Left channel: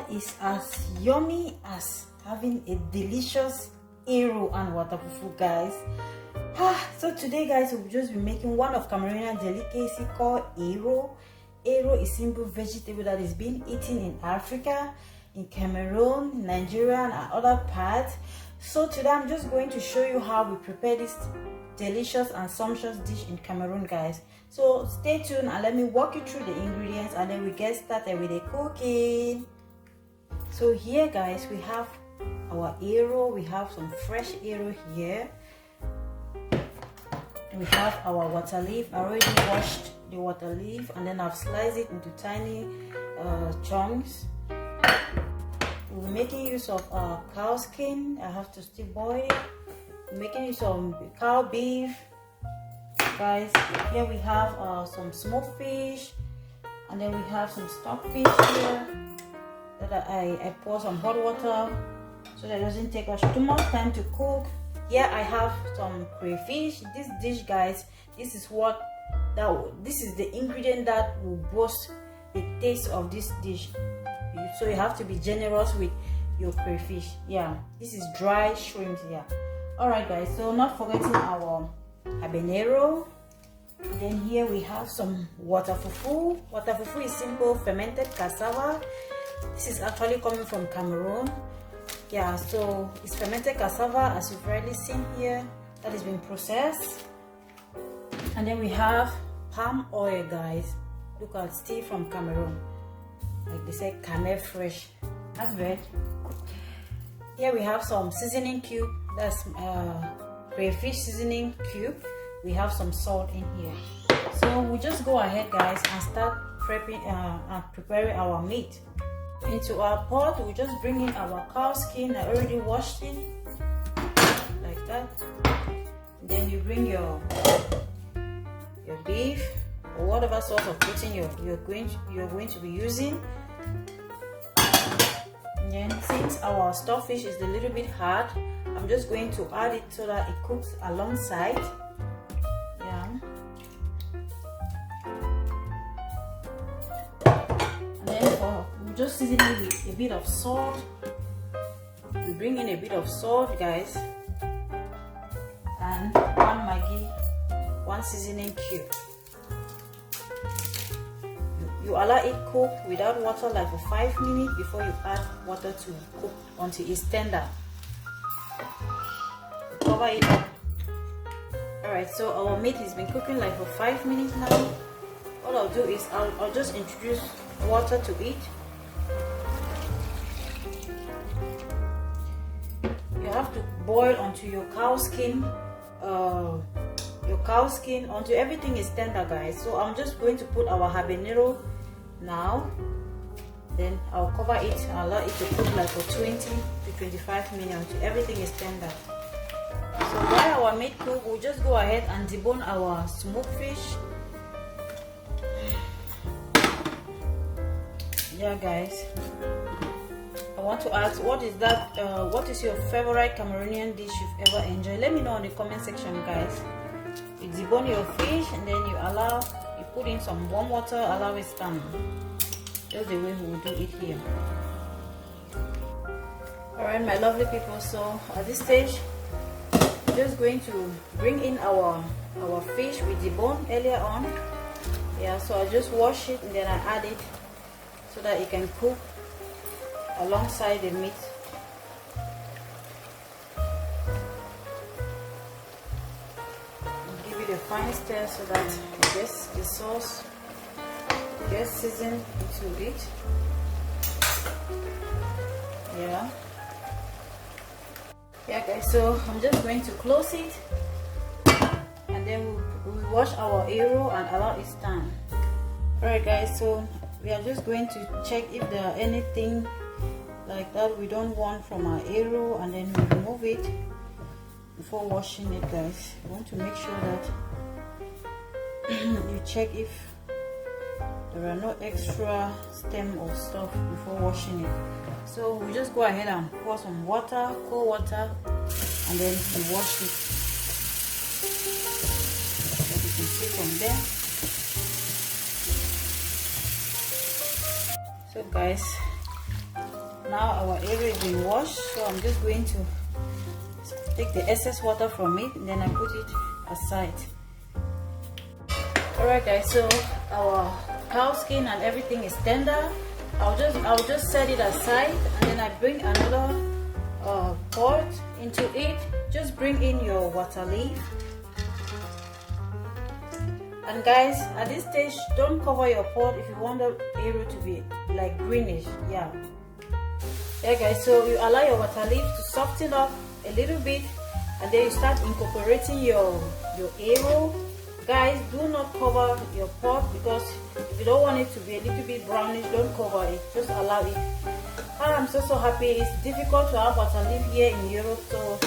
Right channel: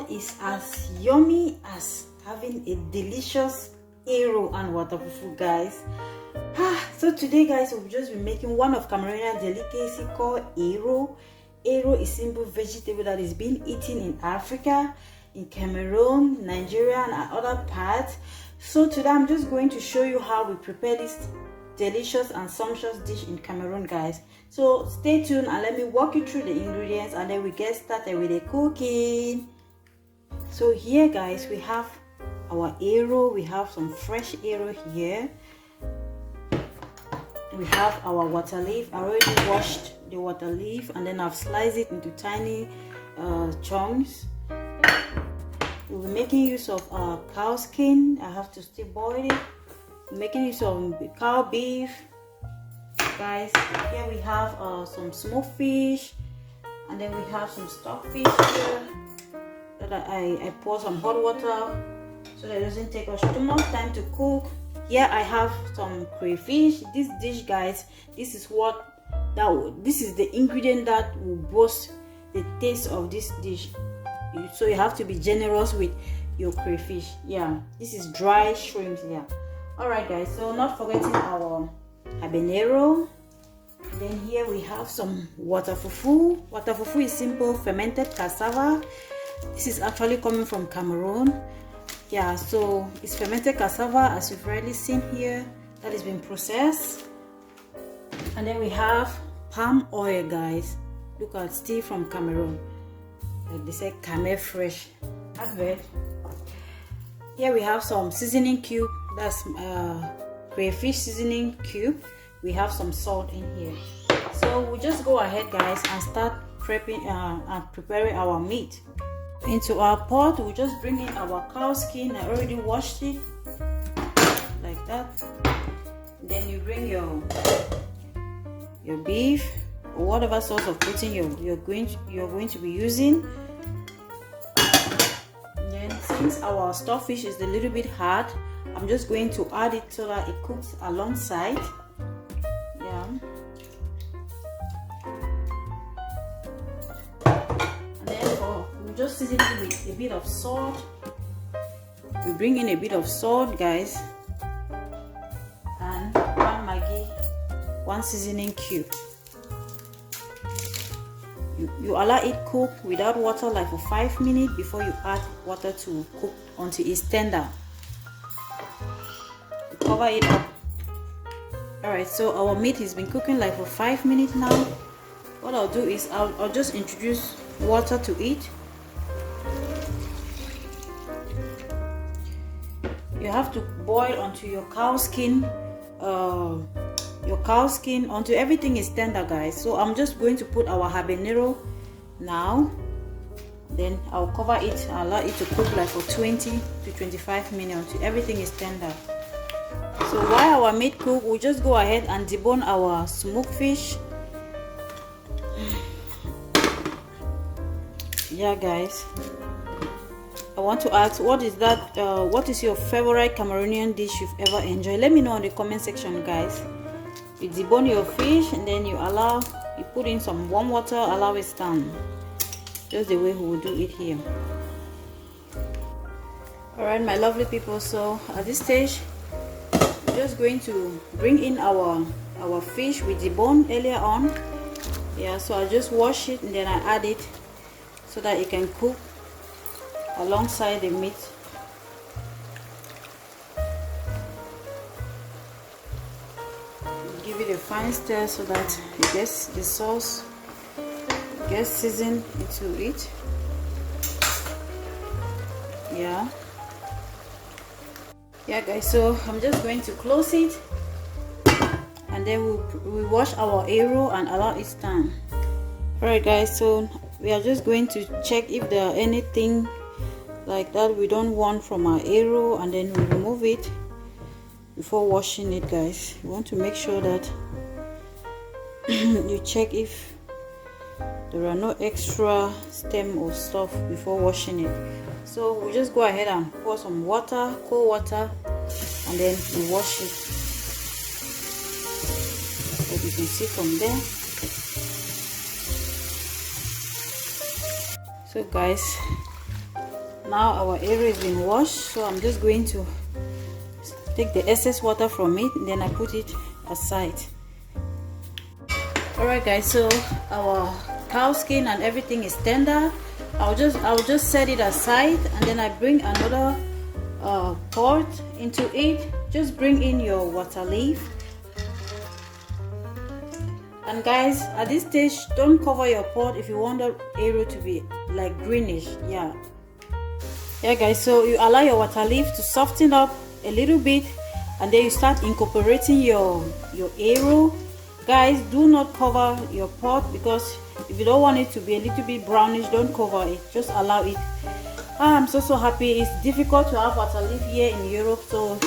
what is as yummy as having a delicious ERU and waterfufu, guys? So today, guys, we'll just be making one of Cameroonian delicacy called ERU. ERU is simple vegetable that is being eaten in Africa, in Cameroon, Nigeria, and other parts. So today I'm just going to show you how we prepare this delicious and sumptuous dish in Cameroon, guys. So stay tuned and let me walk you through the ingredients, and then we get started with the cooking. So here, guys, we have our ERU. We have some fresh ERU here. We have our water leaf. I already washed the water leaf and then I've sliced it into tiny chunks. We'll be making use of cow skin. I have to still boil it. We're making use of cow beef, guys. Here we have some smoked fish, and then we have some stuckfish here that I pour some hot water so that it doesn't take us too much time to cook. Here I have some crayfish. This dish, guys, this is the ingredient that will boost the taste of this dish. So you have to be generous with your crayfish. Yeah, this is dry shrimps. Yeah. All right, guys, so not forgetting our habenerro. Then here we have some waterfufu. Waterfufu is simple fermented cassava. This is actually coming from Cameroon. Yeah, so it's fermented cassava, as you've already seen here, that has been processed. And then we have palm oil, guys. Look at, still from Cameroon. Like they say, Cameroon fresh. Advert. Here we have some seasoning cube. That's crayfish seasoning cube. We have some salt in here. So we'll just go ahead, guys, and start prepping and preparing our meat. Into our pot, we just bring in our cow skin. I already washed it like that. Then you bring your beef or whatever sort of protein you're going to be using. And then since our stufffish is a little bit hard, I'm just going to add it so that it cooks alongside. Yeah. And then we'll just season it with a bit of salt. We bring in a bit of salt, guys, and one Maggi, one seasoning cube. You allow it cook without water like for 5 minutes before you add water to cook until it's tender. Cover it up. Alright, so our meat has been cooking like for 5 minutes now. All I'll do is I'll just introduce water to it. You have to boil until your cow skin until everything is tender, guys. So I'm just going to put our habanero now. Then I'll cover it and allow it to cook like for 20 to 25 minutes until everything is tender. So while our meat cook, we'll just go ahead and debone our smoked fish. Yeah, guys, I want to ask, what is your favorite Cameroonian dish you've ever enjoyed? Let me know in the comment section, guys. You debone your fish and then you put in some warm water, allow it stand, just the way we will do it here. All right, my lovely people, so at this stage we're just going to bring in our fish we deboned earlier on. Yeah, so I just wash it and then I add it so that it can cook alongside the meat. Give it a fine stir so that the sauce gets seasoned into it. Yeah, guys, so I'm just going to close it and then we wash our ERU and allow it stand. Alright, guys, so we are just going to check if there are anything like that we don't want from our ERU, and then we remove it before washing it, guys. You want to make sure that you check if there are no extra stem or stuff before washing it. So we just go ahead and pour some water, cold water, and then we wash it. As you can see from there. So guys, Now our area is been washed, so I'm just going to take the excess water from it, and then I put it aside. Alright guys, so our cow skin and everything is tender. I'll just set it aside, and then I bring another pot into it. Just bring in your water leaf. And guys, at this stage, don't cover your pot if you want the ERU to be like greenish. Yeah guys, so you allow your water leaf to soften up a little bit, and then you start incorporating your ERU. Guys, do not cover your pot, because if you don't want it to be a little bit brownish, don't cover it, just allow it. I'm so happy. It's difficult to have water leaf here in Europe, so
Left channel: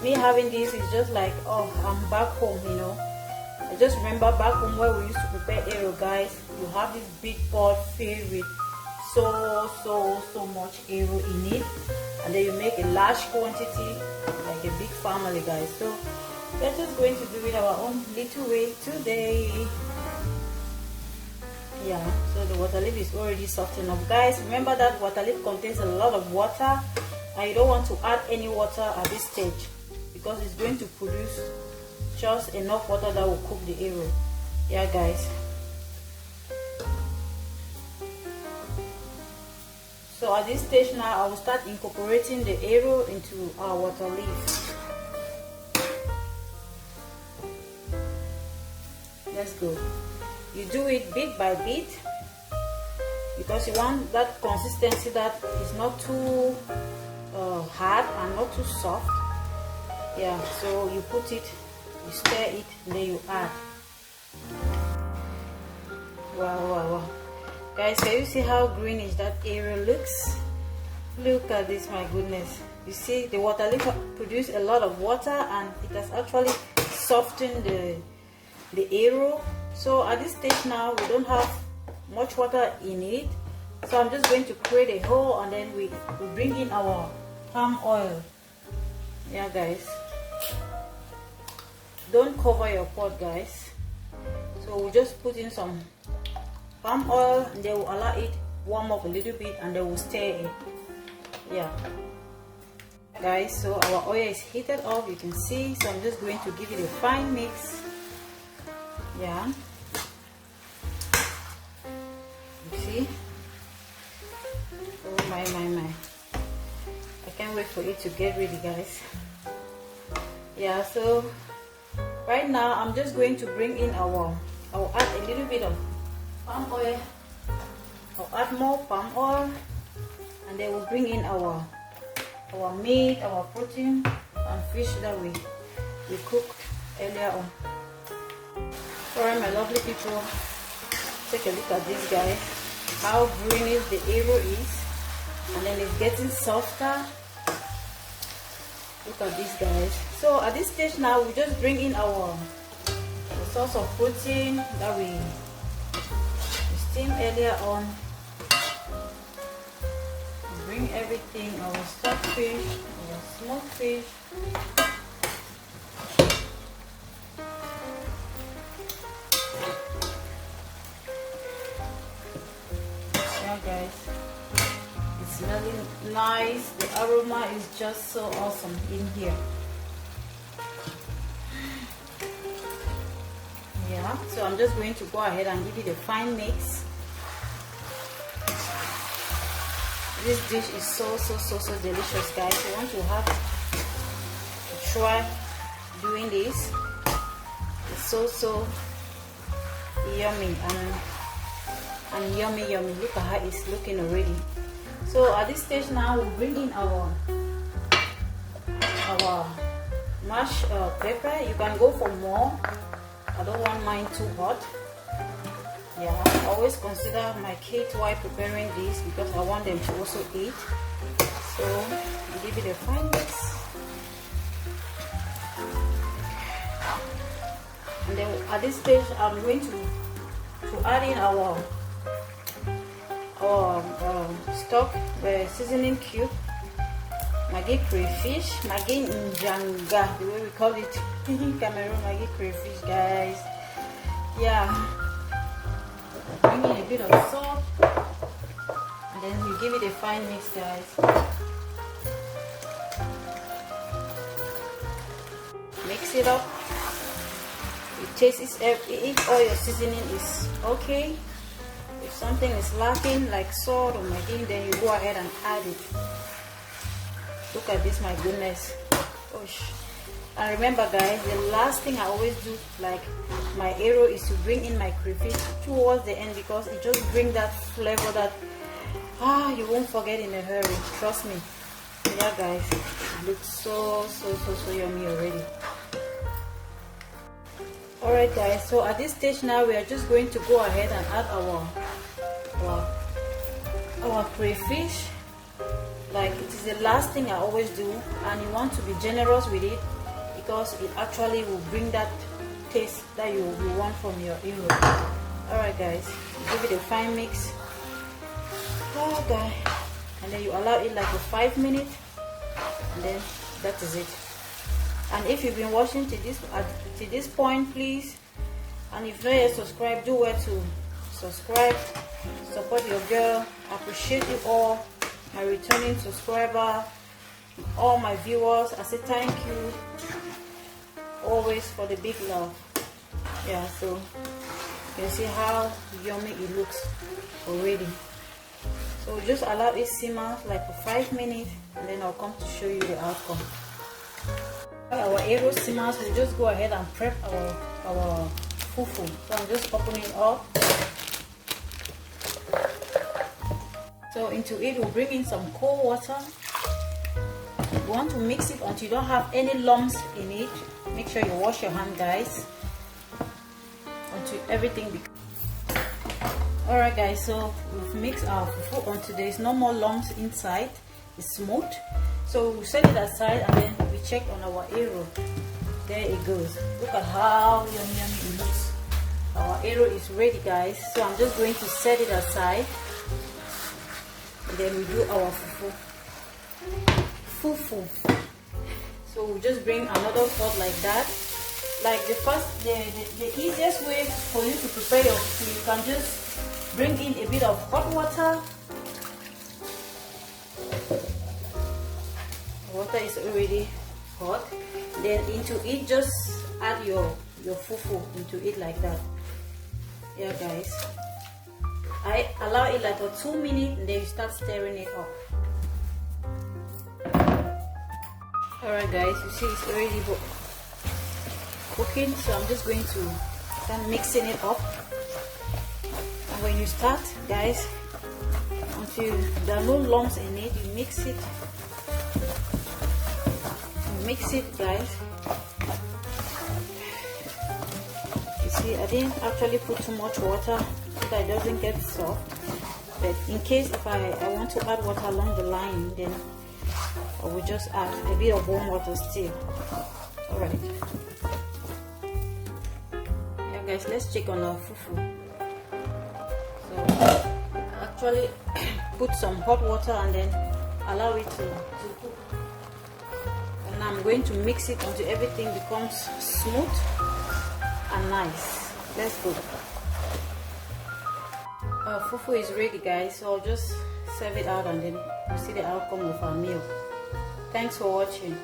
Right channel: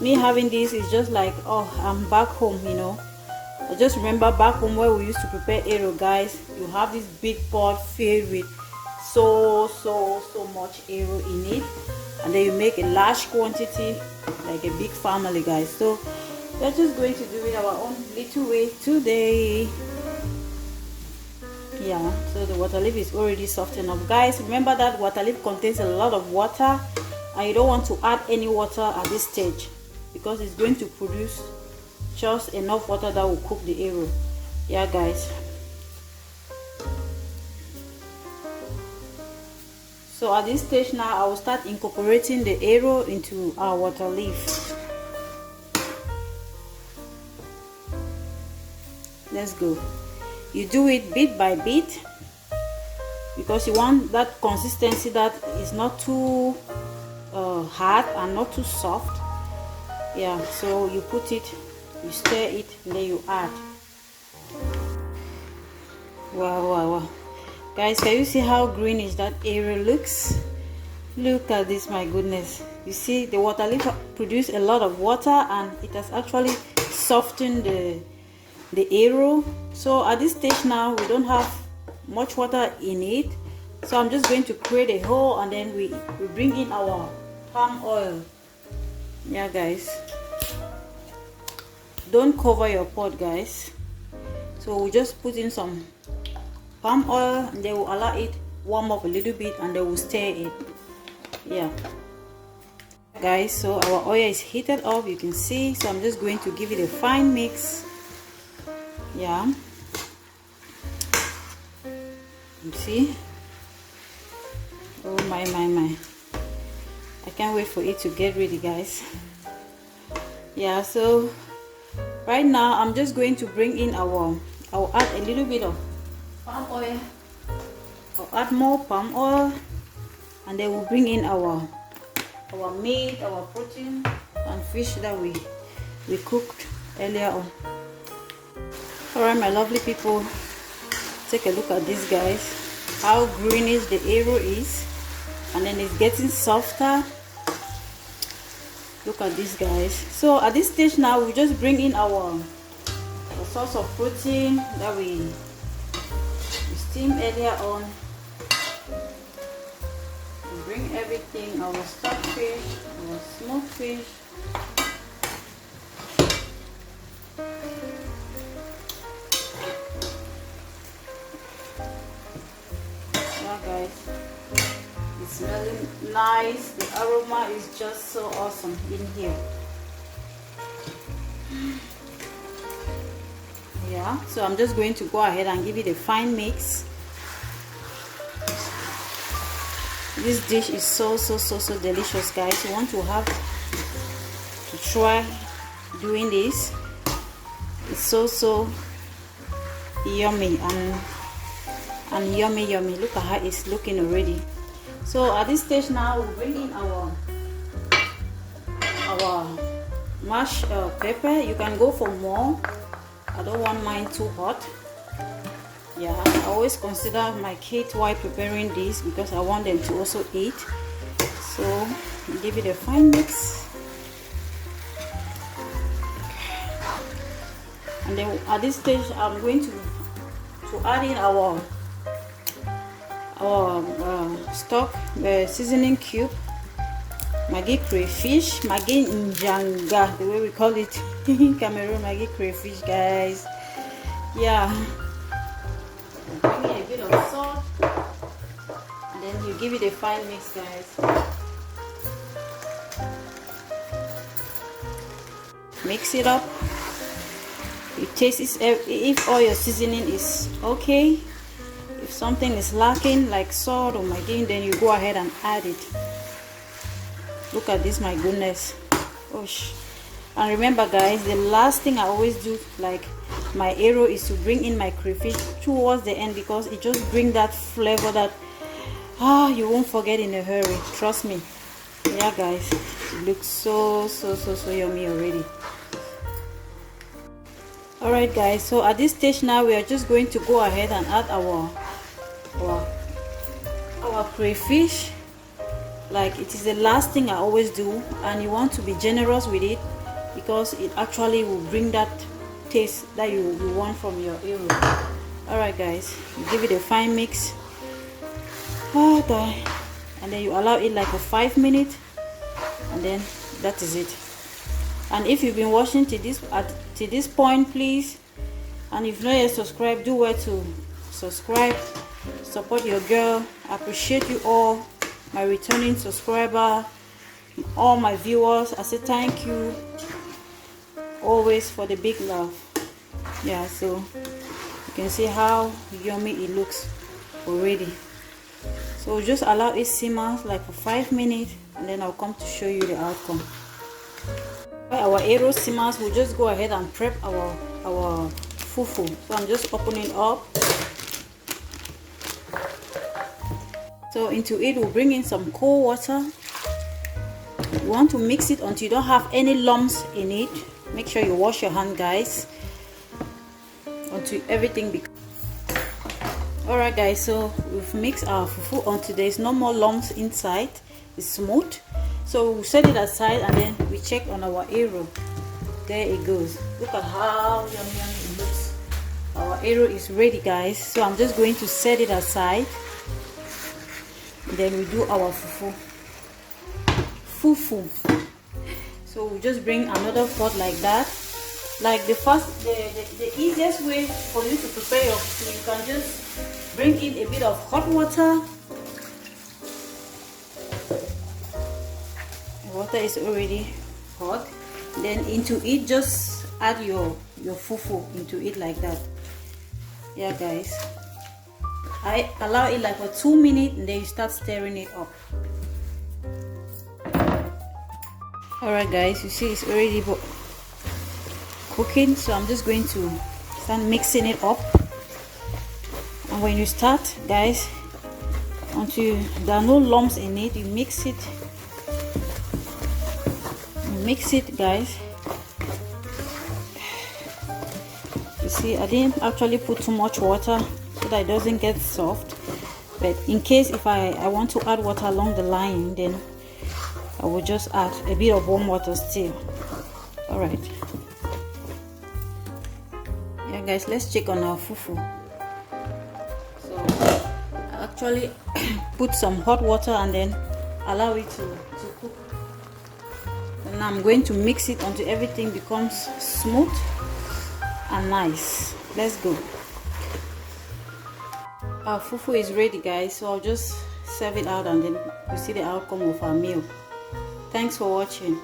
me having this is just like, oh, I'm back home, you know. I just remember back home where we used to prepare ERU, guys. You have this big pot filled with so much ERU in it, and then you make a large quantity, like a big family, guys. So we're just going to do it our own little way today. Yeah, so the water leaf is already soft enough. Guys, remember that water leaf contains a lot of water, and you don't want to add any water at this stage, because it's going to produce just enough water that will cook the ERU. Yeah guys, so at this stage now I will start incorporating the ERU into our water leaf. Let's go. You do it bit by bit, because you want that consistency that is not too hard and not too soft. Yeah, so you put it, you stir it, and then you add. Wow guys, can you see how greenish that area looks? Look at this, my goodness. You see the water leaf produced a lot of water, and it has actually softened the ERU. So at this stage now we don't have much water in it, so I'm just going to create a hole, and then we bring in our palm oil. Yeah guys, don't cover your pot, guys. So we'll just put in some palm oil, and then we'll allow it warm up a little bit, and then we'll stir it. Yeah guys, so our oil is heated up, you can see. So I'm just going to give it a fine mix. Yeah, you see. Oh my, I can't wait for it to get ready, guys. Yeah, so right now I'm just going to bring in I'll add a little bit of palm oil. I'll add more palm oil, and then we'll bring in our meat, our protein and fish that we cooked earlier on. Alright my lovely people, take a look at this, guys, how greenish the ERU is, and then it's getting softer. Look at this, guys. So at this stage now we just bring in our source of protein that we steamed earlier on. We bring everything, our stuckfish, our smoked fish, guys. It's smelling nice. The aroma is just so awesome in here. Yeah, so I'm just going to go ahead and give it a fine mix. This dish is so delicious, guys. You want to try doing this. It's so yummy and yummy. Look at how it's looking already. So at this stage now we'll bring in our mashed pepper. You can go for more. I don't want mine too hot. Yeah, I always consider my kids while preparing this, because I want them to also eat. So give it a fine mix, and then at this stage I'm going to add in our stock seasoning cube, Maggi crayfish, Maggi njanga, the way we call it in Cameroon, Maggi crayfish, guys. Yeah, bring in a bit of salt, and and then you give it a fine mix, guys. Mix it up. You taste it if all your seasoning is okay. If something is lacking like salt or maggi, then you go ahead and add it. Look at this, my goodness. Gosh. And remember, guys, the last thing I always do, like my ERU, is to bring in my crayfish towards the end, because it just brings that flavor that you won't forget in a hurry. Trust me. Yeah, guys, it looks so yummy already. Alright, guys, so at this stage now we are just going to go ahead and add our crayfish. Like, it is the last thing I always do, and you want to be generous with it, because it actually will bring that taste that you want from your ERU. Alright, guys, give it a fine mix. Okay, and then you allow it like for 5 minutes, and then that is it. And if you've been watching to this point, please, and if not yet subscribed, do well to subscribe. Support your girl. I appreciate you all, my returning subscriber, all my viewers. I say thank you always for the big love. Yeah, so you can see how yummy it looks already. So just allow it simmer like for 5 minutes, and then I'll come to show you the outcome. Our ERU simmers, we'll just go ahead and prep our fufu. So I'm just opening it up. So into it we'll bring in some cold water. You want to mix it until you don't have any lumps in it. Make sure you wash your hand, guys, until everything becomes. Alright, guys, so we've mixed our fufu until there's no more lumps inside. It's smooth. So we set it aside, and then we check on our ERU. There it goes. Look at how yummy it looks. Our ERU is ready, guys. So I'm just going to set it aside, and then we do our fufu. So we just bring another pot like that. Like the easiest way for you to prepare your fufu, you can just bring in a bit of hot water. Water is already hot. Then into it, just add your fufu into it like that. Yeah, guys, I allow it like for 2 minutes, and then you start stirring it up. Alright, guys, you see it's already cooking, so I'm just going to start mixing it up. And when you start, guys, until there are no lumps in it, you mix it, guys. You see, I didn't actually put too much water so that it doesn't get soft, but in case if I want to add water along the line, then I will just add a bit of warm water still. Alright, yeah, guys, let's check on our fufu. So I actually put some hot water and then allow it to cook. And I'm going to mix it until everything becomes smooth and nice. Let's go. Our fufu is ready, guys, so I'll just serve it out, and then you see the outcome of our meal. Thanks for watching.